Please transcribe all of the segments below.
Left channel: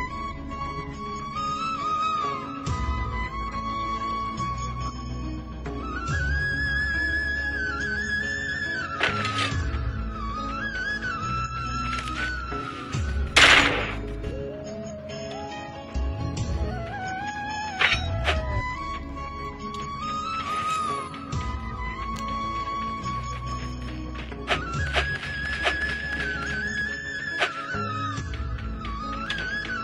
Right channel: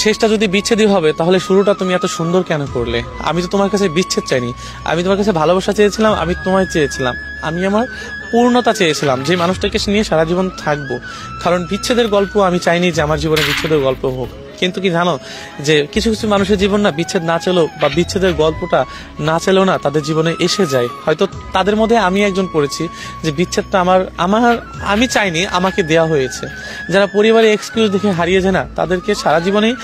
শেষটা যদি বিচ্ছেদই হবে তাহলে শুরুটা তুমি এত সুন্দর কেন করলে? আমি তো তোমার কাছে বিচ্ছেদ চাইনি, আমি তোমার কাছে ভালোবাসা চেয়েছিলাম, আমি তোমায় চেয়েছিলাম, আমি আমার পূর্ণতা চেয়েছিলাম, যে মানুষটাকে নিয়ে সারা জীবন থাকবো। কারণ বিচ্ছেদের গল্প আমি চাইনি যে আমার জীবনে বিচ্ছেদের গল্প হোক। কিন্তু কি জানো, যে কিছু কিছু মানুষের জীবন না বিচ্ছেদ না চলেও বা বিচ্ছেদের গল্পটা না চলেও না তাদের জীবনে এসে যায়। হয়তো তাদের মধ্যে আমি একজন পড়েছি যে বিচ্ছেদটা আমার আমার আমি চাইনি, আমাকে দেয়া হয়েছে। যারা পরিবারে এক্সকিউজ দেখে হারিয়ে যায় না, তাদেরকে সারা জীবনেই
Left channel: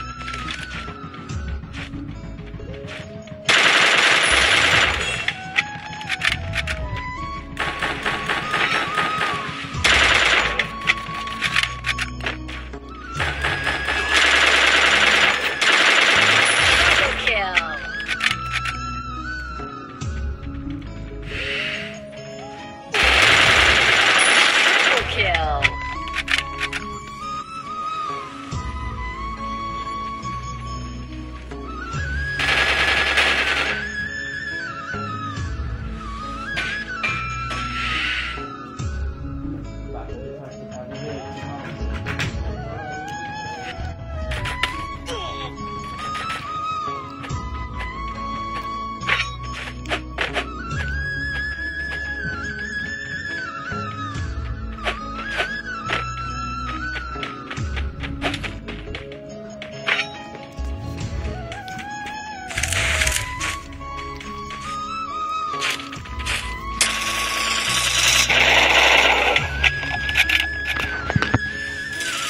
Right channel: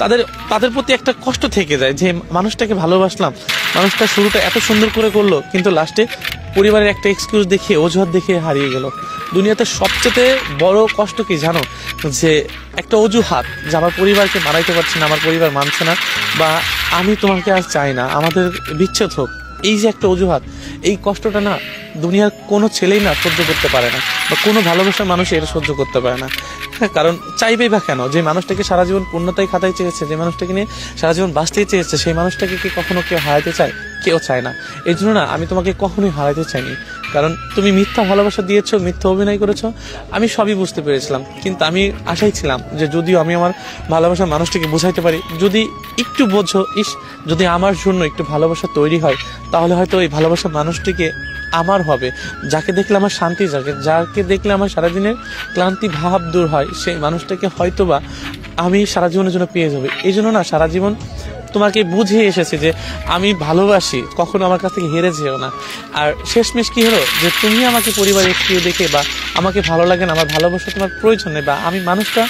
তাদের তাদের প্রতি একটা কষ্ট থেকে যায় যে মানুষটাকে ভালোবাসলাম, মানুষটা শুরুটা এত সুন্দর করে করলো, কিন্তু লাস্টে পরিবারের একটা এক্সকিউজ দেখিয়ে অজুহাত দেখিয়ে হারিয়ে গেল। দুনিয়াতে সবচেয়ে বড় কষ্ট কি জানো, যে একটা অজুহাত, যে আমার পরিবারকে মানাইতে পারছে না, আমার পরিবার মানছে না, বা আমি তোমাকে আর চাই না, আমাদের বিচ্ছেদ হোক, এই যে একটা অজুহাত, এই কষ্টটা না দুনিয়ার কোনো ছেলেই না সহ্য করতে পারে না, বা কোনো ভালোবাসার মানুষ এটা সহ্য করতে পারে না। কারণ চাইবেই বা কেন? যে মানুষটাকে সারা জীবন পূর্ণতায় খাতায় চেয়েছে, যে মানুষটাকে নিয়ে সারা জীবন বাঁচতেই চেয়েছে, সেই মানুষটাকে কি কখনো কেউ হারাতে চায়? কেউ চায় না। এই জন্য না আমি তোমাকে কখনোই হারাতে চাইনি। কারণ তুমি মিথ্যা ভালোবাসা দিয়েছো, মিথ্যা অভিনয় করেছো, আমি সবই বুঝতে পেরেছিলাম। কিন্তু আমি আশাই ছিলাম যে যদিও আমি আমার ভালোবাসার মানুষটিকে বোঝাইতে পারি, যদি একটু বোঝো, যদি আমার জন্য একটু ভালোবাসা তৈরি হয়, তাহলে হয়তো এই ভালোবাসার মানুষটিকে আমার হবে, যাকে দেখলে আমার শান্তি জাগে, যাকে দেখলে আমার সারাদিনের ক্লান্তি ভাব দূর হয়, সেই মানুষটাকে হয়তোবা আমি সারা জীবনের জন্য পেয়ে যাবো। এই জন্য না সারা জীবন তোমাকে বুঝিয়ে এসেছি যে আমি ভালোবাসি, কখনো আমার কাছ থেকে হেরে যেও না। আর শেষমেশ কি হলো, যে তুমি আমাকে পরিবারে একটু দেখে বা আমাকে ভালো লাগে না, আমার ভালোবাসা তোমার প্রয়োজন নেই, বা আমি মানুষটা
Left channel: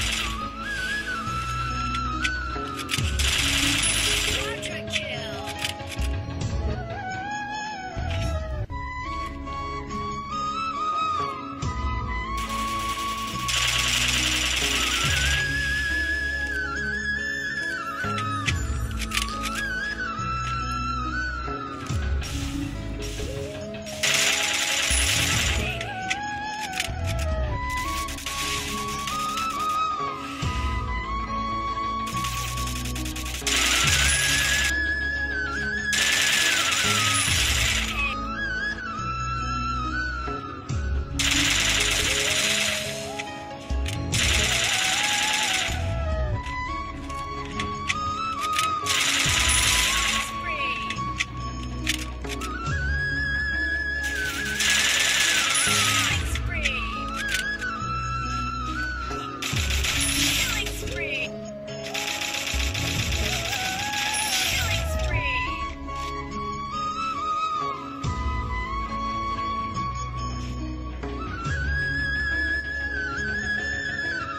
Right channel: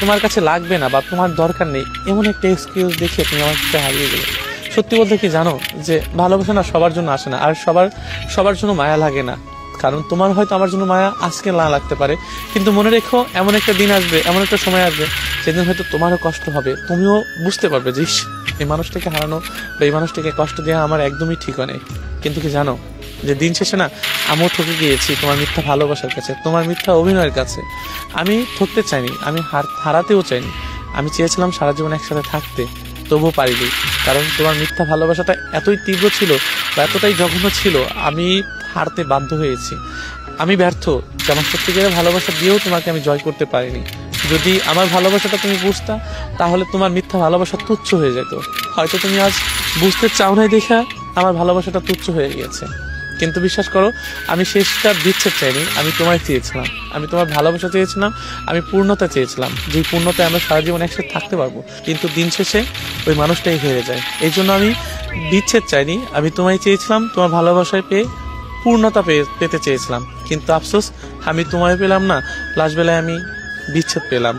তোমার কাছে লাগবে না, বা তোমার দরকার নেই, এমন একটা এক্সকিউজ দেখে তুমি আমার কাছে হারিয়ে গেলে। সত্যি বলতে কি জানো, যে ভালোবাসা না সবার জন্য আসে না, আর সবার জন্য মায়া লাগে না। কারণ তোমার হয়তো আমার জন্য মায়া আজকে না লাগতে পারে, কিন্তু মনে রেখো এমন একটা দিন আসবে, এমন একটা সময় আসবে, সেদিন হয়তো তোমারও কষ্ট হবে, তুমিও বুঝতে পারবে যে এই মানুষটাকে হারানো বা এই মানুষটাকে কষ্ট দেওয়া আমার একদমই ঠিক নেই। কিন্তু কি জানো, যে দিন শেষে না আমিও ঠকে গিয়েছি তোমার মিথ্যা ভালোবাসার কাছে, তোমার মিথ্যা অভিনয়ের কাছে। আমি ঠকতে চাইনি, আমি হারাতেও চাইনি, আমি চেয়েছিলাম সারা জীবন একসাথে থাকতে, তবুও পারিনি। কারণ তোমার মিথ্যা ভালোবাসাটা এতই তীব্র ছিল বা এতটাই জঘন্য ছিল, আমি হারতে বাধ্য হয়েছি। আমি ব্যর্থ, যেমন সত্যিকারের ভালোবাসা দিয়েও তোমাকে আমি জয় করতে পারিনি। যদি আমার ভালোবাসাটা তুমি বুঝতা, তাহলে তোমার মিথ্যা ভালোবাসা তুচ্ছ হয়ে যেত। হয়তো তুমি আজ বুঝতে চাও নাই দেখা আমার ভালোবাসাটা তুচ্ছ হয়ে গিয়েছে। কিন্তু বিশ্বাস করো, আমি শেষটা বিচ্ছেদ চাইনি, আমি তোমায় চেয়েছিলাম, আমি তোমার ভালোবাসা চেয়েছিলাম, আমি পূর্ণতা চেয়েছিলাম, যে পূর্ণতায় আমরা সারা জীবন একসাথে থাকতে পারবো। কিন্তু দিন শেষে ওই মানুষটাই হয়ে যায়। এই জন্য আমি বিচ্ছেদ চাইনি, আমি তোমায় চেয়েছিলাম, তোমার ভালোবাসায় পেয়ে পূর্ণতা পেতে চেয়েছিলাম। কিন্তু আফসোস, আমি তোমায় পেলাম না, লাস্ট বেলায় আমি বিচ্ছেদ পেলাম।